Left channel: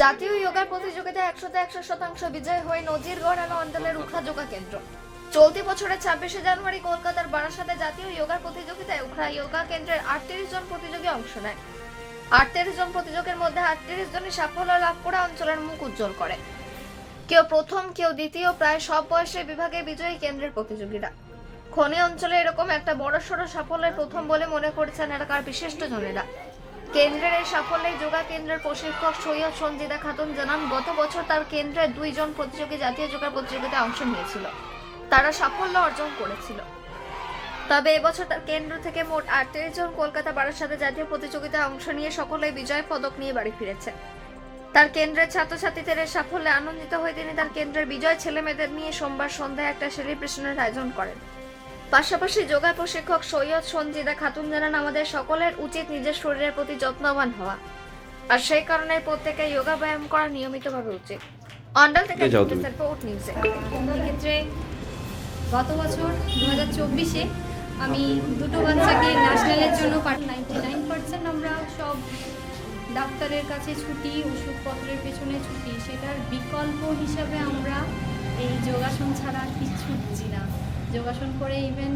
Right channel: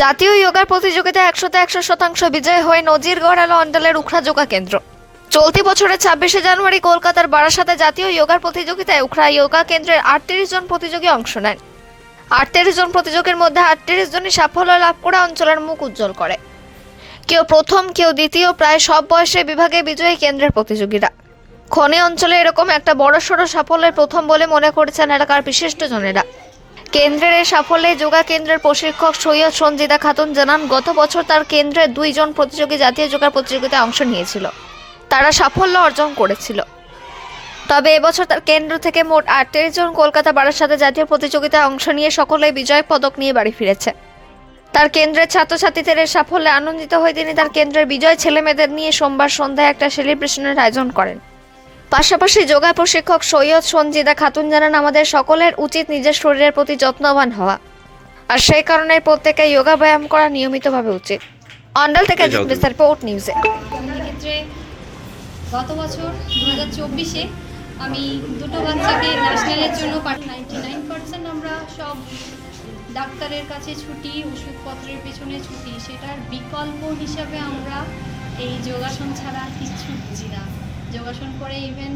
জাতীয় যোগার প্রতিযোগিতায় 100% বিজয় হয়ে নজির গড়ালো অন্ডালের উখড়া যোগা কেন্দ্র। চলতি বছরের 26শে জানুয়ারি কলকাতার বারাসাতে জাতীয় যোগার প্রতিযোগিতায় উখড়া যোগা কেন্দ্রের 38 জন প্রতিযোগী অংশ নেন। 38 জন প্রতিযোগীর মধ্যে 38 জনই সাফল্য লাভ করে অঞ্চলের মুখ উজ্জ্বল করে। কেউ প্রথম, কেউ দ্বিতীয়, প্রায় সব বয়সের বিভাগে বিজয়ী কেন্দ্রের প্রতিযোগীরা। খনি অঞ্চলে এরকম একটা বড়সড় সাফল্যের প্রথম বলে মনে করেছেন এলাকার বিশিষ্টজনেরা। কেন্দ্রের এই সাফল্যে যোগা কেন্দ্রের প্রশিক্ষক সৈয়দ সঞ্জিদা খাতুন জানান, গত বছর তার কেন্দ্রের 2 জন প্রতিযোগী জাতীয় যোগা প্রতিযোগিতায় অংশ নিয়েছিল। তারা সাফল্য অর্জন করেছিল। তবে এবছর তার কেন্দ্র থেকে মোট 38 জন কলকাতা বারাসাতে জাতীয় প্রতিযোগিতায় অংশ নিয়ে সকলেই বিজয় পদক নিয়ে বাড়ি ফিরেছে। তার কেন্দ্রের ছাত্রছাত্রীদের এই সাফল্যে আনন্দিত হয়ে তিনি তার কেন্দ্রের বিজয় ছেলেমেয়েদের নিয়ে সোমবার সন্ধ্যায় একটা সেলিব্রেশনের আয়োজন করেন। পাশাপাশি যোগা প্রশিক্ষক সৈয়দ সঞ্জিদা খাতুন জানান, আমাদের সকলের উচিত নিজের শরীরের প্রতি যত্নবান হওয়া, আর সেই কারণে প্রত্যেকে যোগা ব্যায়াম করা নিয়মিতভাবে উচিত। অন্ডাল থেকে রিপোর্ট নিউজে। ক্ষেত্রে গত বছর 2024-এ আমি দুটো বাচ্চাকে ন্যাশনালের জন্য 99% আমরা সব ডাক্তারের কাছে ছুটি, ওষুধপত্রের পেছনে ছুটি, সেটার বিকল্প হিসাবে আমরা এই যোগাসন ছাড়া কিচ্ছু বুঝি না। যোগাসন করে ইভেন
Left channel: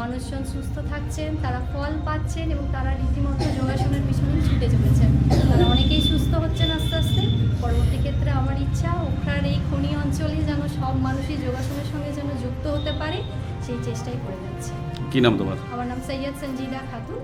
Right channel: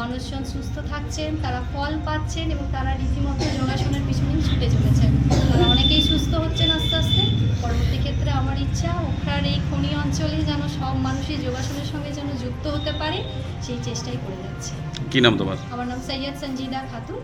মানুষজন সুস্থ থাকছেন, তারা ফল পাচ্ছেন এবং তারা রীতিমতো যোগাসনের পিছনেই ছুটে চলেছেন। তারা অনেকেই সুস্থ হচ্ছেন আস্তে আস্তে। পরবর্তী ক্ষেত্রে আমার ইচ্ছা উখড়ার এই খনি অঞ্চলে যেন সব মানুষই যোগাসনের সঙ্গে যেন যুক্ত হতে পারে, সেই চেষ্টাই করে যাচ্ছি। কি নাম তোমার? আমার নাম সৈয়দ সঞ্জিদা খাতুন।